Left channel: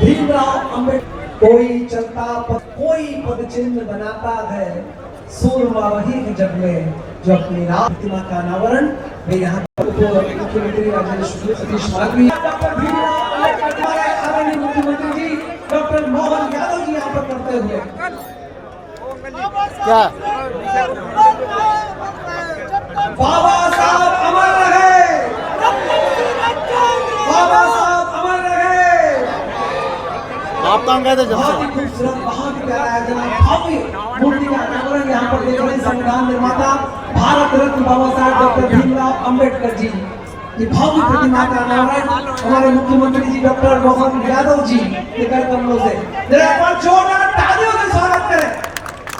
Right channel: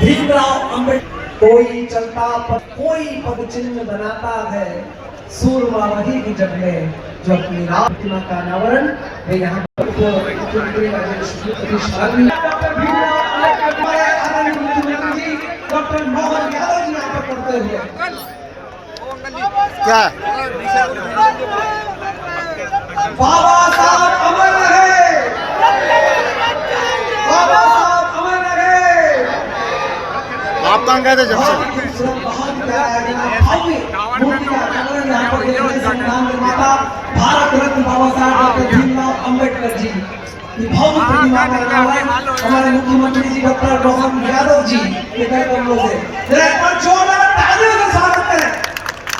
भीमराव अम्बेडकर। कोई चलता पद कोई पद चिन्ह बनाता है, सूरमा वही की जग में जो अपनी राम प्रतिमा का अनावरण वे यहाँ मुख्यमंत्री डॉक्टर भीमराव अम्बेडकर आदरणीय मुख्यमंत्री जी डॉक्टर मोहन यादव जी यहाँ पर करते हुए क्या बाबा साहब अमर रहे, बाबा साहब अमर रहे। आप कहाँ गए थे जब से? बहुत खूबसूरत, बहुत प्यारा है। भव्य मूर्ति का अनावरण यहाँ पर देख रहे हैं। संविधान निर्माता भारत रत्न बाबा साहब डॉक्टर भीमराव अम्बेडकर जी की भव्य प्रतिमा का अनावरण हमारे मुख्यमंत्री जी डॉक्टर मोहन यादव जी के कार्यक्रमों से एक बार जोरदार तालियों से स्वागत करें।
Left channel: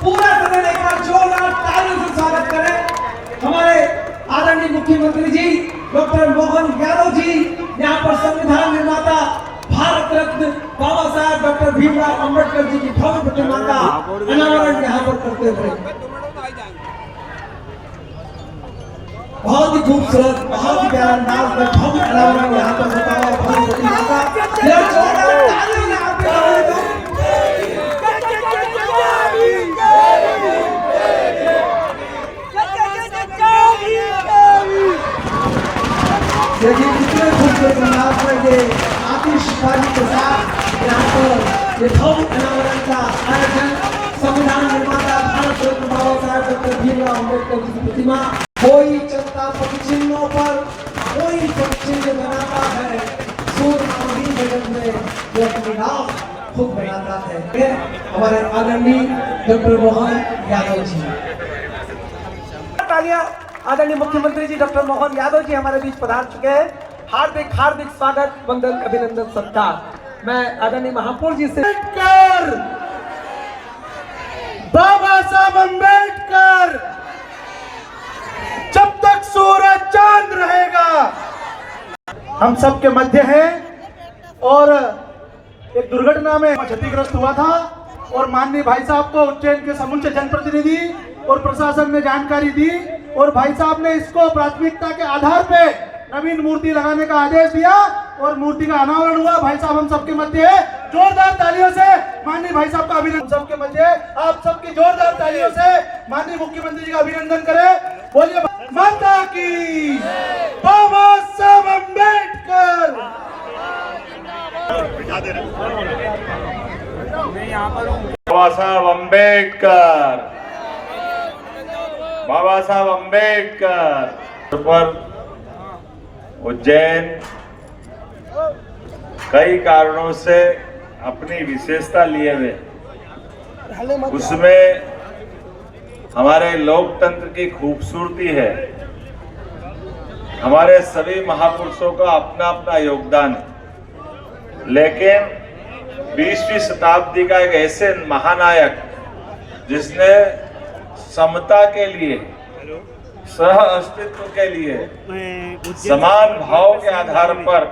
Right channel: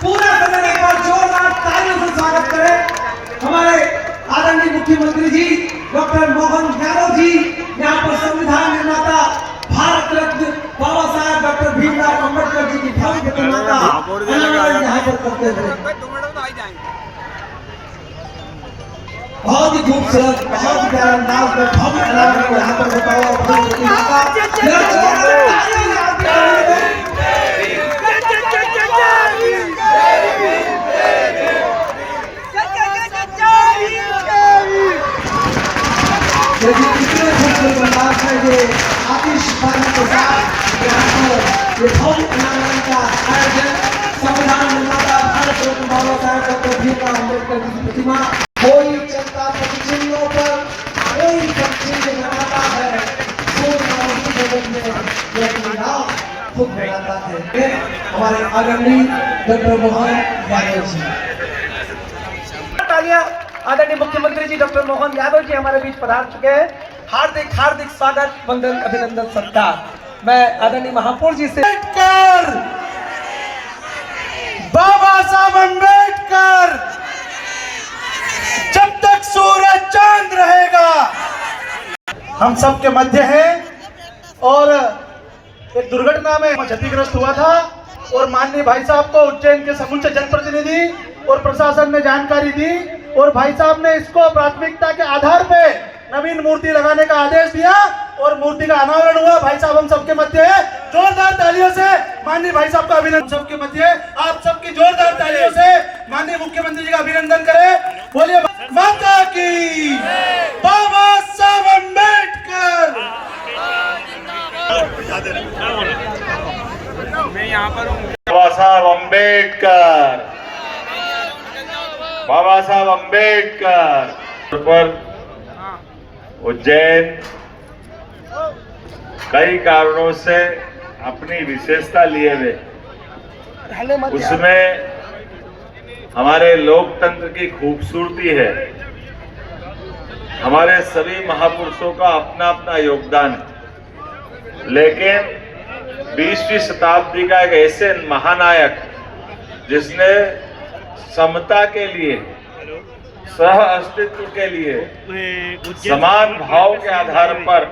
पूरा सदन एक बार जोरदार तालियों से स्वागत करें हमारे आदरणीय मुख्यमंत्री जी डॉक्टर मोहन यादव जी, यहाँ पर संविधान निर्माता भारत रत्न बाबा साहब डॉक्टर भीमराव अम्बेडकर जी की भव्य प्रतिमा का अनावरण यहाँ पर करते हुए बहुत ही खूबसूरत, बहुत ही प्यारा अंदाज में भव्य अनावरण यहाँ पर होता है। भव्य प्रतिमा देखिए कितने खूबसूरत अंदाज में ये आतिशबाजी के साथ यहाँ पर ये भव्य अनावरण का आयोजन संविधान निर्माता भारत रत्न बाबा साहब डॉक्टर भीमराव अम्बेडकर की प्रतिमा। कोई चलता पद चिन्हों पर कोई पद चिन्ह बनाता है, सूरमा वही जगत में जो अपनी राह खुद बनाता है। हमारे आदरणीय डॉक्टर मोहन यादव जी। आदरणीय मुख्यमंत्री जी डॉक्टर मोहन यादव जी हमारे बीच पधार चुके हैं। हार्दिक हार्दिक स्वागत, वंदन, अभिनंदन, सत्कार। मैं आदरणीय महापौर जी से बाबा साहब अम्बेडकर जब तक सूरज चांद रहेगा हम सबके मध्य है। और एक दुर्घटना में क्षतिग्रस्त हुआ था और माननीय भाई साहब को उज्जैन के समूचे जनप्रतिनिधि और प्रशासन ने जानकारी दी और भाई साहब ने इसको प्राथमिकता के आधार पे नवीन मूर्ति लगाने का आदेश दिया और मूर्ति का अनावरण हुआ। भाई साहब हम सबके मध्य है, जोरदार तालियों से माननीय भाई साहब का अभिनंदन। सबके मध्य आप सबकी जोरदार तालियों से माननीय मुख्यमंत्री जी का अभिनंदन करें। बोलिए माता की, बाबा साहब अम्बेडकर। मैं यहाँ पर हूँ। बाबा साहब अम्बेडकर, बाबा साहब अम्बेडकर पर उज्जैन कई कारणों से अपनी विशेषता लिए हुए, उसमें हमारे लोकतंत्र की खूबसूरती है। हमारे सभी महापुरुषों का अपना अपना योगदान है, लेकिन 20वीं शताब्दी का एक ऐसे महानायक जिसने समता के लिए, सह अस्तित्व के लिए, समान भाव के आधार पर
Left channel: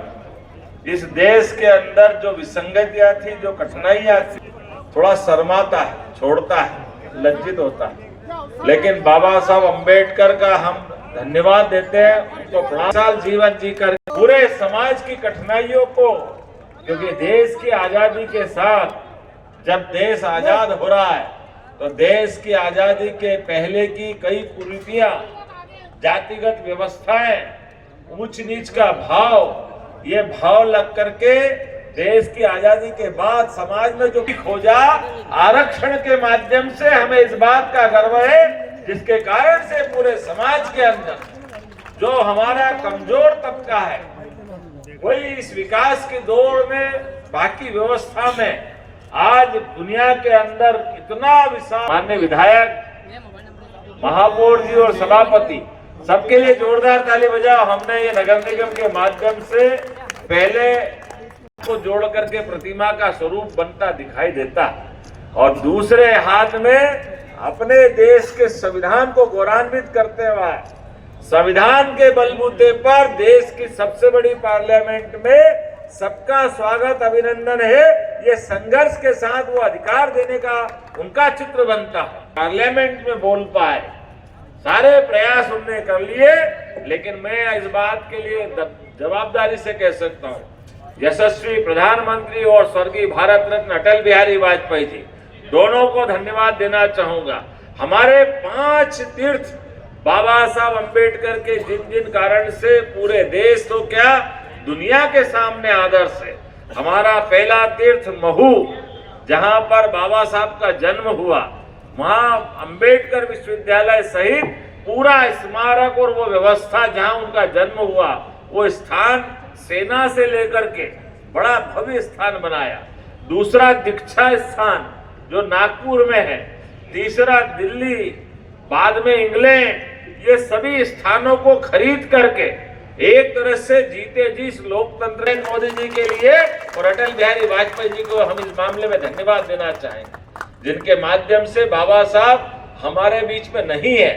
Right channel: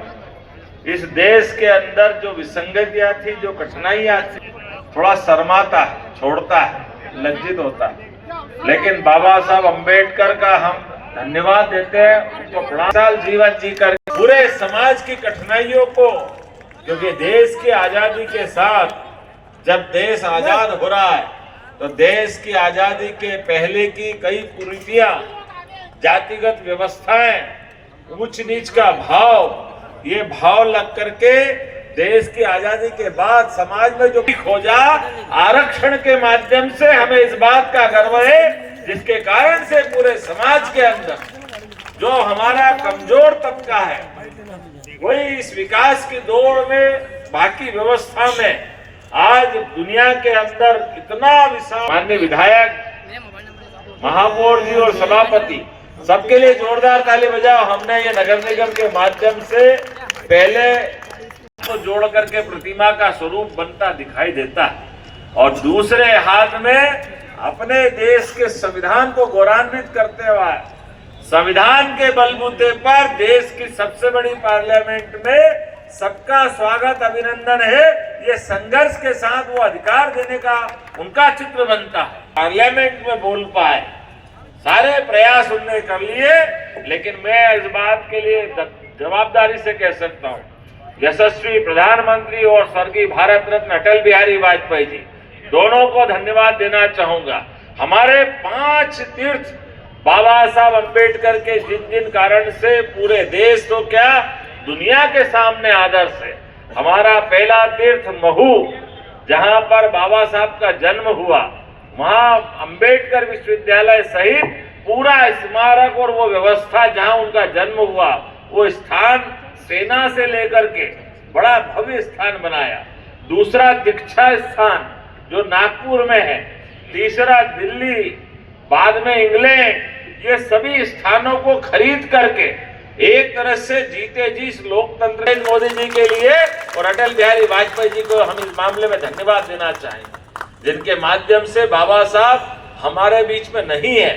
इस देश के अंदर जो विसंगतियां थी, जो कठिनाइयां थी, थोड़ा शर्माता है, छोड़ता है, लज्जित होता है। लेकिन बाबा साहब अम्बेडकर का हम धन्यवाद देते हैं। उनको 50 साल जीवन जीकर पूरे समाज की कठिनाइयों को, क्योंकि देश की आजादी के साथ जब देश आजाद हो रहा है तो देश की आजादी के पहले की कई कुरीतियां, जातिगत व्यवस्थाएं, ऊंच नीच का भाव, ये भाव लग करके देश की आजादी के बाद समाज में जो खोजा, आरक्षण के माध्यम से हमें इस बात का गर्व है जिसके कारण से पूरे समाज के अंदर जो हमारा कमजोर तबका है वही इस विकास की दौड़ में, बाकी व्यवस्था में आज दुनिया के अंदर इतना विशाल। माननीय विधायक, महापौर जी और सभापति, सबके लिए जोरदार ताली बजाओ। हमने ये नगर निगम के माध्यम से पहले तो जोड़ करके प्रतिमा का स्वरूप बनता दिखाई देता है और दूसरे हाथ में अपने देश के संविधान को गौरवान्वित करते हुए संविधान के बलबूते पर देश की सबसे बड़ी पार्लियामेंट में सबका स्वागत, अभिनंदन है। ये संघर्ष के साथ वो अधिकार देने का उनका चित्र बनता है, पार्लियामेंट में बोल पाए। सारे प्रयास उन्होंने कर लिए, लेकिन मैं इस बात के लिए जवाबदारी से कह सकता हूँ यशस्वी प्रधानमंत्री और स्वर्गीय भारत रत्न अटल बिहारी वाजपेयी जी, दोनों को धन्यवाद देना चाहूंगा। हमारे 5 तीर्थ बाबा साहब अंबेडकर के जिन जिन कारण से पूरे देश तो क्या दुनिया के सामने आदर्श है। हमारा पहला तीर्थ महू, जहां पर बाबा साहब का जन्म हुआ, वहां अंबेडकर विश्वविद्यालय सहित पूरा स्मारक और वो व्यवस्था जहां उनका जन्म हुआ, वो स्थान सेना से लेकर के बड़ा भव्य स्थान बनाया। दूसरा दीक्षा स्थान जो नागपुर में है, तीसरा दिल्ली, बाद में इंग्लैंड, ये सभी स्थानों को खरीद करके एक तरह से जीते जी लोकतंत्र मोदी जी के लिए और अटल बिहारी वाजपेयी जी को हम इस मामले में धन्यवाद देना चाहेंगे, जिनके माध्यम से बाबा साहब हमारे बीच में नहीं है,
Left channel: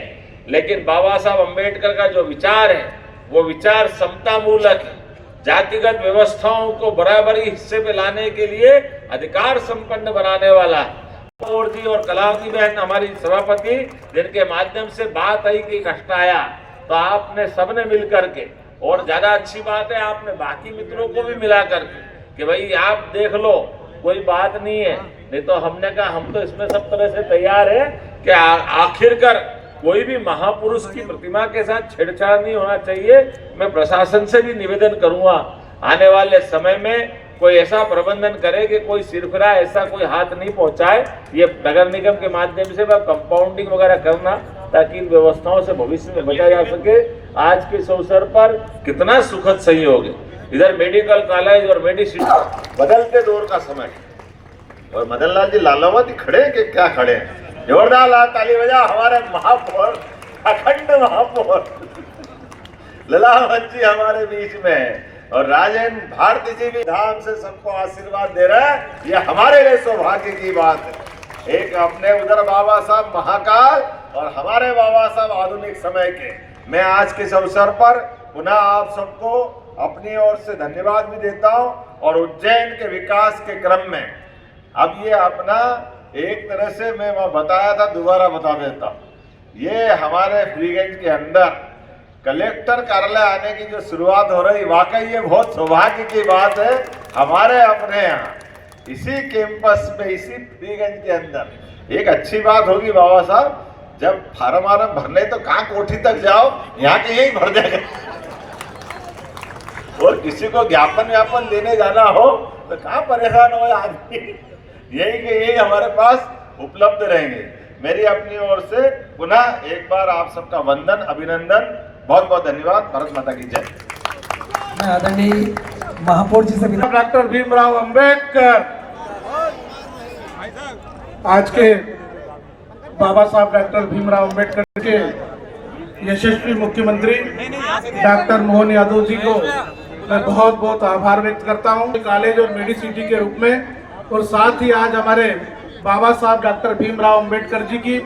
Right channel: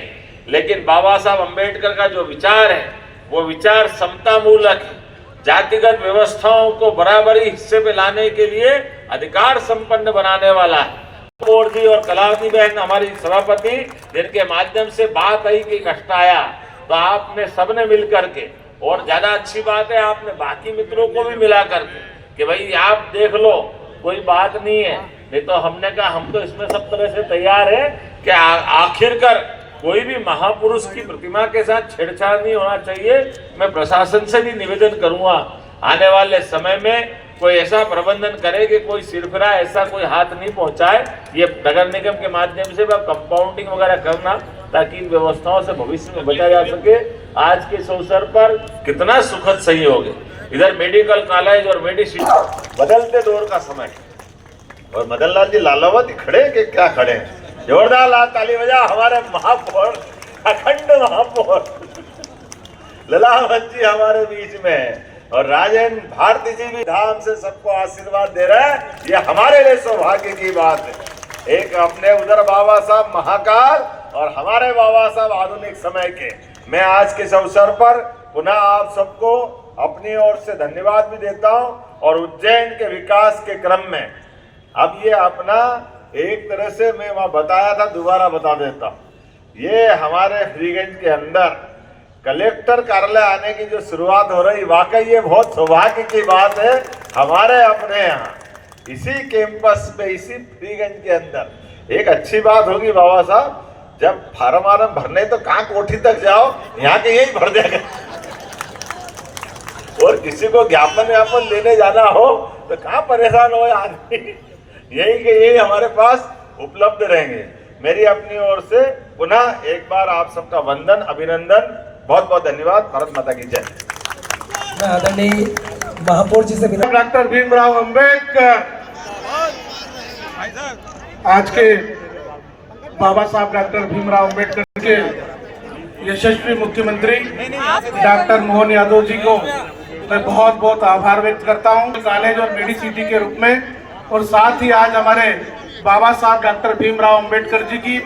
लेकिन बाबा साहब अंबेडकर का जो विचार है वो विचार समता मूलक है। जातिगत व्यवस्थाओं को बराबरी हिस्से में लाने के लिए अधिकार संपन्न बनाने वाला है। जी और कलावती बहन हमारी सभापति, जिनके माध्यम से बात आई कि कष्ट आया, तो आपने सबने मिल करके, और ज्यादा अच्छी बात है आपने बाकी मित्रों को भी मिला करके कि भाई आप देख लो, कोई बात नहीं है। नहीं तो हमने कहा हम तो इसमें सब तरह से तैयार है कि आखिरकार कोई भी महापुरुष की प्रतिमा के साथ छेड़छाड़ नहीं होना चाहिए। मैं प्रशासन से भी निवेदन करूंगा आने वाले समय में कोई ऐसा प्रबंधन करे कि कोई सिरफिरा ऐसा कोई हाथ नहीं पहुंचाए। ये नगर निगम के माध्यम से कंपाउंडिंग वगैरह करना, ताकि इन व्यवस्थाओं से भविष्य में बचा जा सके। आज के इस अवसर पर कितना सुखद सहयोग है। इधर मेडिकल कॉलेज और मेडिसिन, बदलते दौर का समय, और मदन लाल जी लालावत खड़े के क्या खड़े हैं। जोरदार लाल ताली बजा हमारे महापौर, अखंड महापौर ललावत जी हमारे बीच में है, और राजेंद्र भारती जी भी धाम से सबको आशीर्वाद दे रहे हैं। ये हमारे लिए सौभाग्य की बात है। एक अपने उधर बाबा साहब महाकाल और हमारे बाबा साहब आधुनिक समय के। मैं आज के इस अवसर पर पुनः आप सबको अपनी ओर से धन्यवाद भी देता हूं, और उज्जैन के विकास के क्रम में अब ये अपना एक तरह से मैं वहां बताया था, दोबारा बता देता हूं। ये हमारे फ्रीगंज के अंदर कलेक्टर कार्यालय आने की जो शुरुआत हो रही, वाकई ये बहुत सौभाग्य की बात है। हमारे अपने यहाँ इसी कैंपस पे, इसी फ्रीगंज के अंदर एक अच्छी बात होगी बाबा साहब, जब फार्म वार्म भरने तो कहाँ कोठी तक जाओ, यहाँ के यही भर देंगे। और किसी को ज्ञापन व्यापन लेने जाना हो तो कहाँ परेशान हो आदमी, यही के यही हमारे पास उपलब्ध रहेंगे। मेरी अपनी ओर से पुनः एक बार आप सबका वंदन, अभिनंदन, बहुत बहुत धन्यवाद। भारत माता की जय। मैं आदरणीय महापौर जी से डॉक्टर भीमराव अंबेडकर, आज के बाबा साहब डॉक्टर भीमराव अंबेडकर के यशस्वी मुख्यमंत्री डॉक्टर मोहन यादव जी को मैं बहुत बहुत आभार व्यक्त करता हूं कॉलेज और मेडिसिटी के रूप में। और साथ ही आज हमारे बाबा साहब डॉक्टर भीमराव अंबेडकर जी की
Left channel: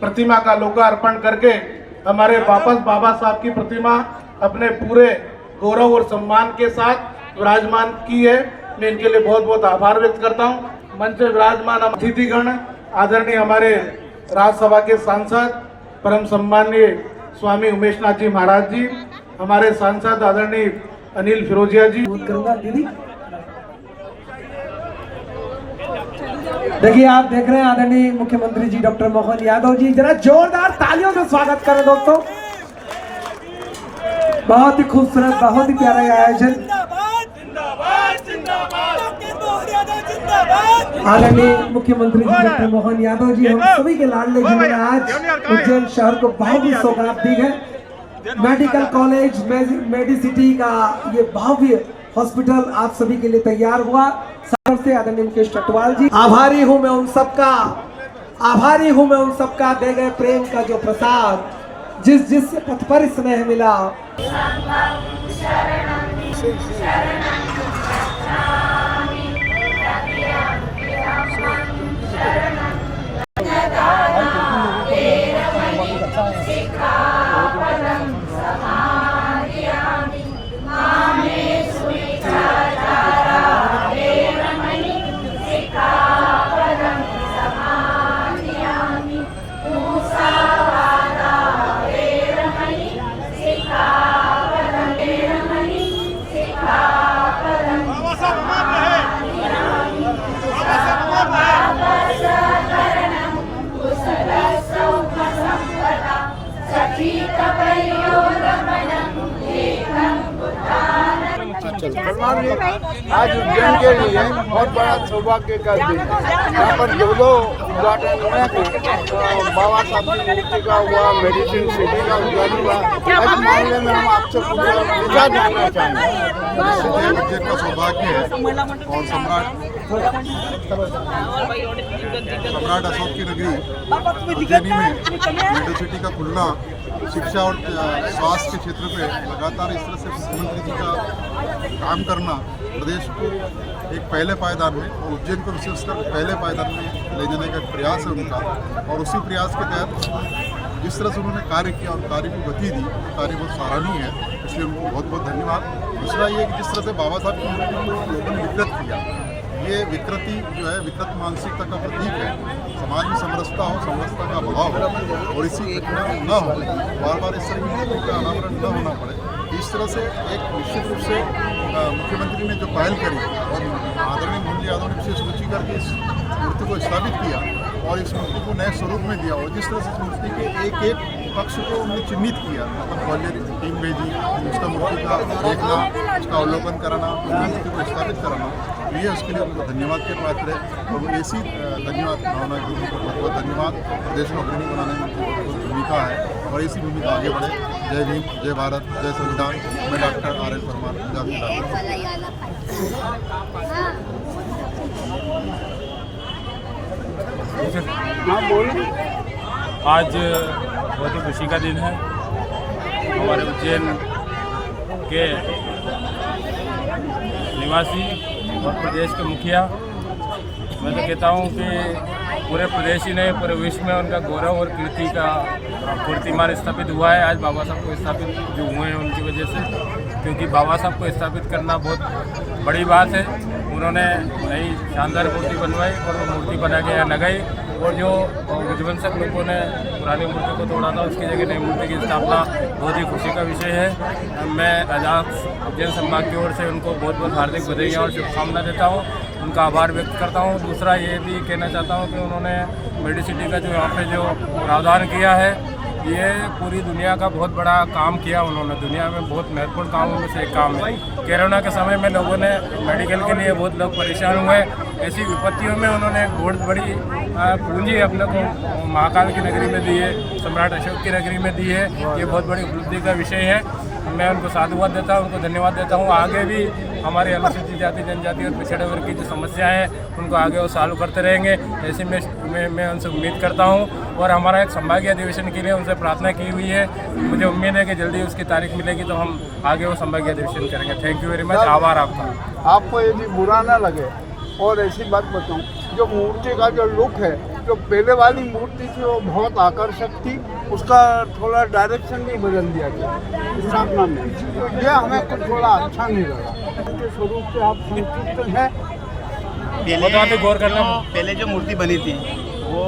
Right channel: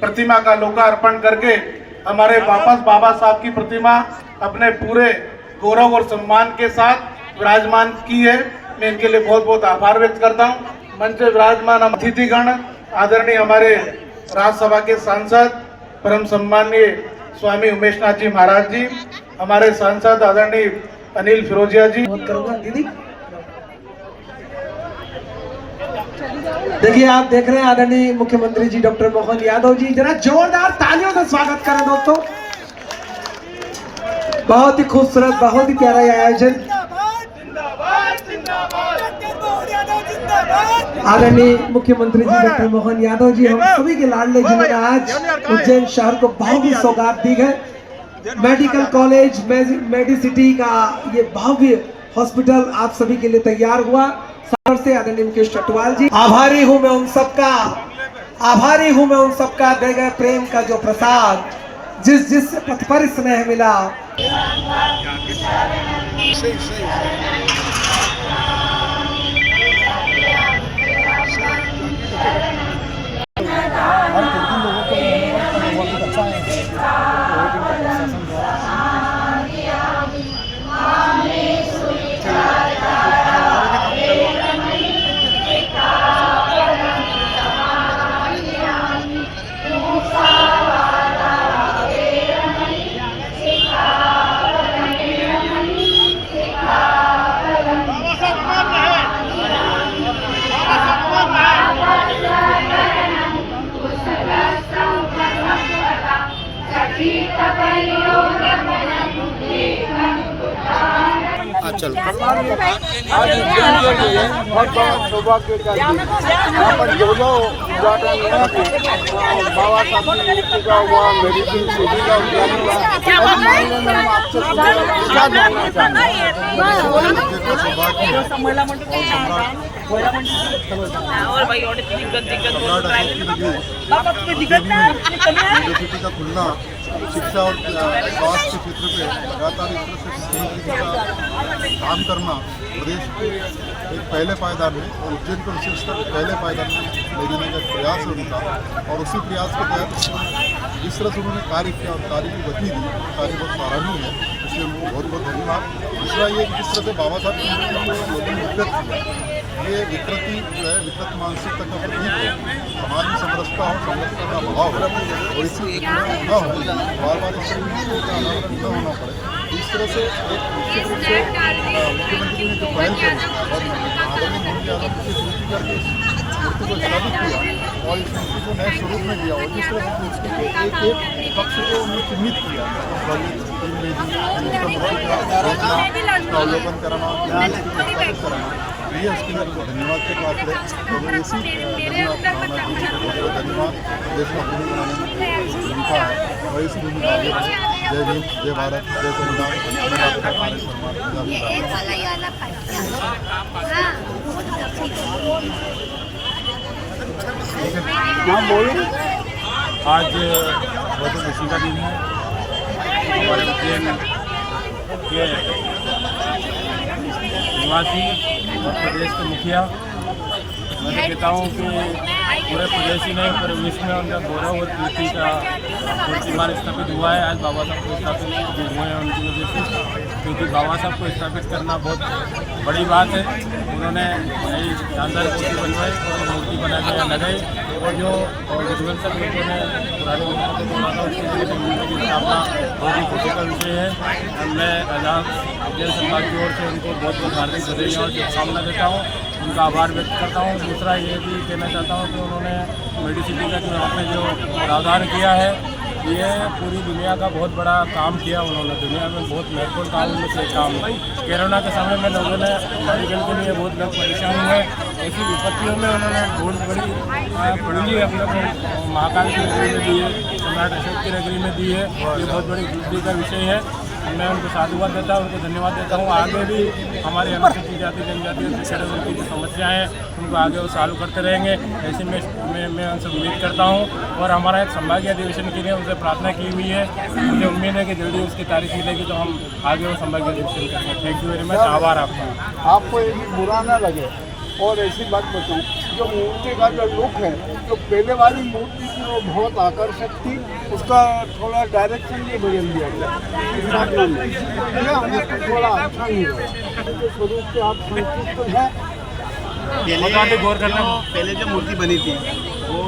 प्रतिमा का लोकार्पण करके हमारे वापस बाबा साहब की प्रतिमा अपने पूरे गौरव और सम्मान के साथ विराजमान की है। मैं इनके लिए बहुत बहुत आभार व्यक्त करता हूं। मंच में विराजमान अतिथिगण, आदरणीय हमारे राज्यसभा के सांसद परम सम्माननीय स्वामी उमेश नाथ जी महाराज जी, हमारे सांसद आदरणीय अनिल फिरोजिया जी। करूंगा दीदी। देखिए आप देख रहे हैं आदरणीय मुख्यमंत्री जी डॉक्टर मोहन यादव जी, जरा जोरदार तालियों से स्वागत करें दोस्तों। बहुत ही खूबसूरत, बहुत ही प्यारा आयोजन। आदरणीय मुख्यमंत्री जी डॉक्टर मोहन यादव जी, हम सभी के लाडले जिन्होंने आज उज्जैन शहर को बहुत ही सौगात दी है। मेडिकल कॉलेज मेडिसिटी का ये भव्य हॉस्पिटल आप सभी के लिए तैयार हुआ। से आदरणीय मुकेश चटवाल जी, आभारी हूं मैं उन सबका, आभारी हूं मैं उन सबका दे गए प्रेम का जो प्रसाद, जिस पथ पर स्नेह मिला। आज उज्जैन के लिए बहुत बड़ा सौभाग्य का दिन है। यहाँ पर जो उद्घाटन हुआ है, बाबा साहब की मूर्ति का हुआ, मेडिसिन सिटी का उद्घाटन हुआ, इस मामले में हम आपसे क्या जानना चाहेंगे? का सौभाग्य है और सम्राट अशोक की नगरी उज्जैनी में मेडिसिटी का खुलना शिक्षा और स्वास्थ्य के क्षेत्र पे लगातार इस तरह से मुख्यमंत्री जी का काम करना प्रदेश को एक पहले पायदान में और उज्जैन को विशेषकर पहले पायदान में ले जाने का प्रयास है उनका, और उसी प्रयास के तहत जिस तरह से उन्होंने कार्य किया और कार्य की गति दी, कार्य बहुत सराहनीय है, इसलिए उनको बहुत बहुत धन्यवाद। दूसरा ये कि जिस तरह से बाबा साहब की मूर्ति को लोगों ने विकृत किया, ये विकृति जो है विकृत मानसिकता का प्रतीक है। समाज में समरसता हो, समरसता का अभाव हो और इसी घटना न हो, बार बार इस तरह का अनावरण न होना पड़े, इस तरह से एक निश्चित रूप से मुख्यमंत्री ने जो पहल करी और आदरणीय मोदी यादव ने इसे सूची करके इस मूर्ति को स्थापित किया और इस मूर्ति को नए स्वरूप में दिया, और जिस तरह से मूर्ति के एक एक पक्ष को उन्होंने चिन्हित किया, पहले टीम भेजी, उसका मूर्ति का देखना, उसका अवलोकन कराना, मूर्ति को स्थापित कराना, ये उसके लिए उनको धन्यवाद के पात्र है। और ऐसी धन्यवाद भावना जी को बहुत बहुत धन्यवाद। देश को अग्रणी बनाने में बहुत भूमिका है और इसी भूमिका आगे बढ़े। जय भीम, जय भारत, जय संविधान। मैं डॉक्टर आर एन परमार, आज बहुत ही खुशी का दिन है। हमारे उज्जैन के निवासी और प्रदेश के मुखिया, मैं तो कहता हूँ कि पूरे प्रदेश ही नहीं पूरे विश्व में उनका गौरव और कीर्ति का कीर्तिमान स्थापित हुआ है। आज बाबा साहब को स्थापित जो हुए हैं उनकी वजह से, क्योंकि बाबा साहब को स्थापित करना बहुत बड़ी बात है। उन्होंने नई शानदार मूर्ति बनवाई और मूर्ति बना के लगाई, और जो विध्वंसक लोगों ने पुराने मूर्ति को तोड़ा था उसके जगह नई मूर्ति की स्थापना बहुत ही खुशी का विषय है। मैं आजाद उज्जैन संभाग की ओर से उनको बहुत बहुत हार्दिक बधाइयाँ और शुभकामना देता हूँ, उनका आभार व्यक्त करता हूँ। दूसरा ये भी कहना चाहता हूँ कि उन्होंने मेडिसिटी का जो यहाँ पे जो प्रावधान किया है, ये पूरी दुनिया का बहुत बड़ा काम किया उन्होंने। दुनिया में बहुत महत्वपूर्ण काम में से एक काम है। कोरोना के समय में लोगों ने मेडिकल के लिए बहुत लोग परेशान हुए, ऐसी विपत्तियों में उन्होंने बहुत बड़ी पूंजी अपने को महाकाल की नगरी में दी है, सम्राट अशोक की नगरी में दी है। ये बहुत बड़ी उपलब्धि का विषय है। मैं उनको साधुवाद देता हूँ, उनको धन्यवाद देता हूँ। आगे भी हमारे अनुसूचित जाति जनजाति और पिछड़े वर्ग की जो समस्याएं हैं उनको आगे वो सॉल्व करते रहेंगे, ऐसे में मैं उनसे उम्मीद करता हूँ। और हमारा एक संभागीय अधिवेशन के लिए उनसे प्रार्थना की हुई है। मुझे उम्मीद है कि जल्दी उसकी तारीख मिलेगी तो हम आगे वो संभागीय अधिवेशन करेंगे। थैंक यू वेरी मच, आभार आपका। आपको यदि बुरा ना लगे और ऐसी बात बताऊं, जो मूर्ति का जो लुक है, जो पहले वाली मूर्ति थी वो बहुत आकर्षक थी, उसका थोड़ा डायरेक्शन भी बदल दिया गया स्थापना में, यह हमें कुछ थोड़ा अच्छा नहीं लगा। उनके स्वरूप से आप संतुष्ट हैं? पहले जो मूर्ति बनी थी वो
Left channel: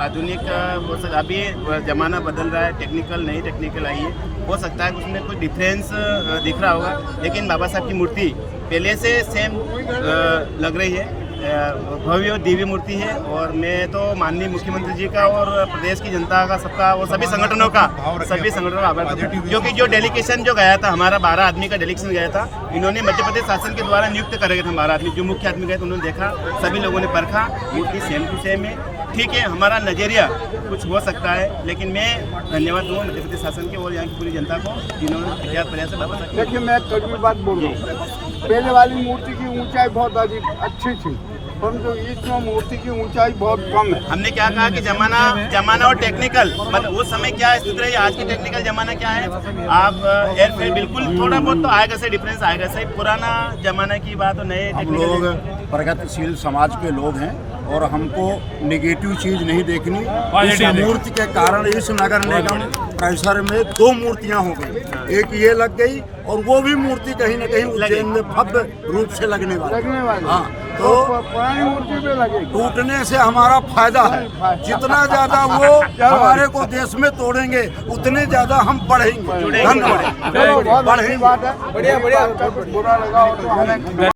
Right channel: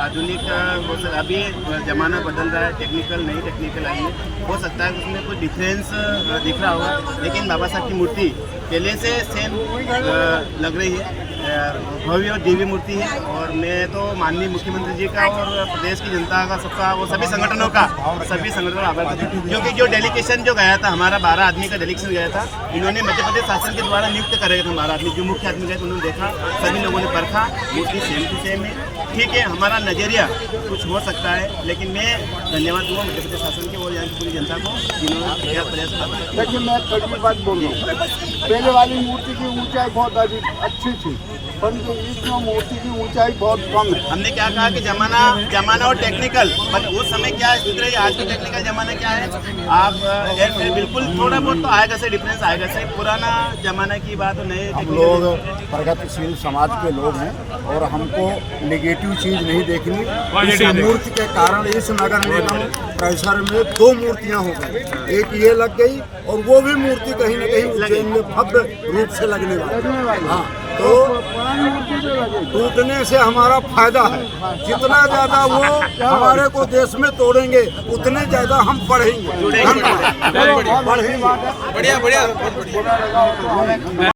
आधुनिक हो सकता, अभी ज़माना बदल रहा है, टेक्निकल नई टेक्निकल आई है, हो सकता है उसमें कुछ डिफरेंस दिख रहा होगा, लेकिन बाबा साहब की मूर्ति पहले से सेम लग रही है। भव्य और दिव्य मूर्ति है, और मैं तो माननीय मुख्यमंत्री जी का और प्रदेश की जनता का सबका और सभी संगठनों का आभार करता हूं, क्योंकि जो डेलीगेशन जो गया था, हमारा 12 आदमी का डेलीगेशन गया था, इन्होंने मध्य प्रदेश शासन के द्वारा नियुक्त करे थे 12 आदमी। जो मुख्य आदमी गए थे उन्होंने देखा, सभी लोगों ने परखा, मूर्ति सेम टू सेम है। ठीक है, हमारा नज़रिया कुछ हो सकता है, लेकिन मैं धन्यवाद दूँगा मध्य प्रदेश शासन के और यहाँ की पूरी जनता को जिन्होंने प्रयास प्रयास से। देखिए, मैं कड़ी बात बोल रहा हूँ, पहले वाली मूर्ति की ऊंचाई बहुत अच्छी थी, परंतु इस मूर्ति की ऊंचाई बहुत कम है। हमने क्या कहा कि जमाना और टेक्निकल, मतलब उस समय क्या स्थिति रही, आज की टेक्निकल जमाना क्या है। आप बिल्कुल थोड़ा बहुत तो आएगा से डिफरेंस आएगा से, पुराना जमाना की बात और नए। हम लोग प्रगतिशील समाज के लोग हैं और हमको नेगेटिव चीज़ नहीं देखनी। इस मूर्ति के कारण इस नगर निगम परिसर में 2 मूर्तियां हो गई, एक ये लग गई और वो भी मूर्ति कहीं न कहीं उज्जैन में भव्य रूप से लगने वाली। हाँ, तो पुरानी मूर्ति पे लगे, टूटने से हमारा फायदा है। जितना ज्यादा वो हमारे को देश में तोड़ेंगे उतने ज्यादा हम बढ़ेंगे। धन्यवाद। बहुत बड़ी बात है। बढ़िया बुरा लगा हो तो हमें